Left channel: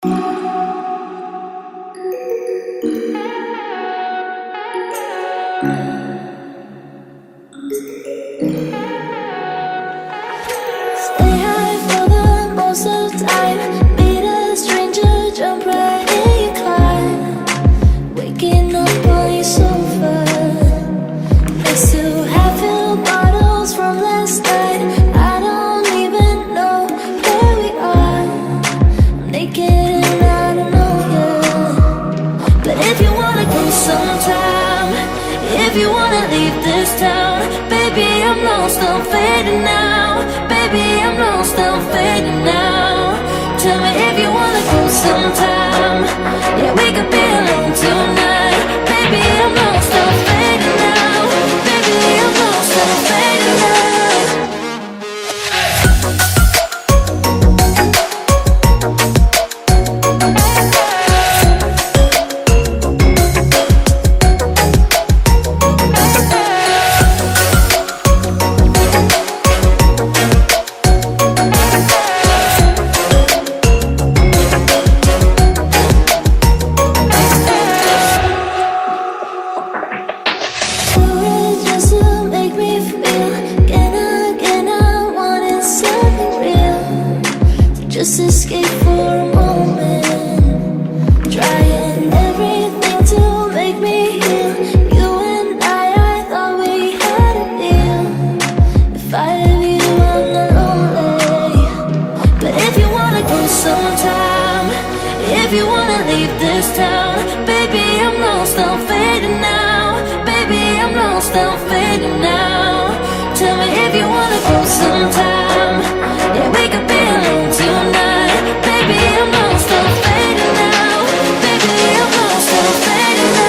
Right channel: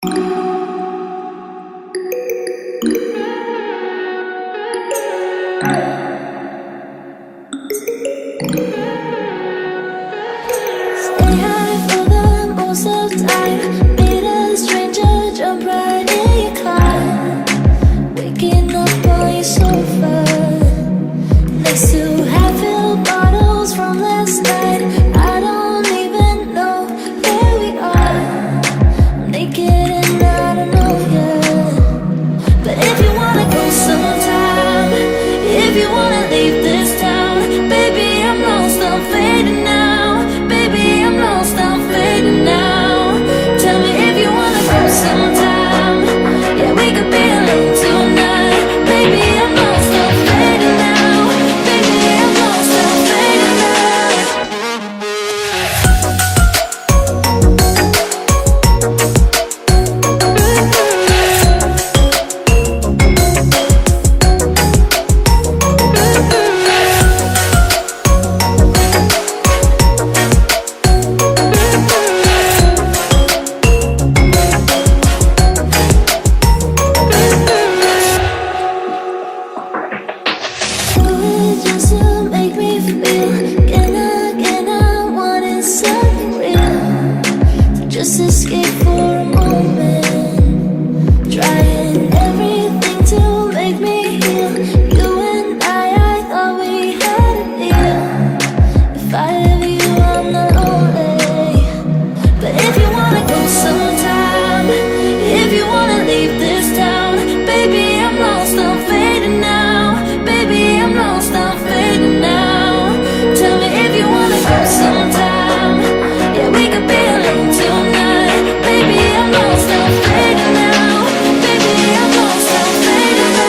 Stay high for the most of time. Meet a stranger, jump right in your climb. Waking up on your sofa next to half-filled bottles from last night. I don't even know where we are. I'm naked and I don't know you. But if you wanna go sometime, if you wanna leave this town, baby, I'm lost, I'm fading now. Baby, I'm lost, I'm fading now. Tell me if you wanna go sometime. Yeah, we could be alone tonight. Baby, I'm lost, I'm fading now. Baby, I'm lost, I'm fading now. Just to make me feel again I wanted something real. So just escape for a moment, trying everything to make me heal. You and I thought we had a deal. If I have you, I'm not lonely. But if you wanna go sometime, if you wanna leave this town, baby, I'm lost, I'm fading now. Baby, I'm lost, I'm fading now. Tell me if you wanna go sometime. Yeah, we could be alone tonight. Baby, I'm lost, I'm fading now. Baby, I'm lost, I'm fading now.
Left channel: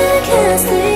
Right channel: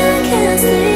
I can't stay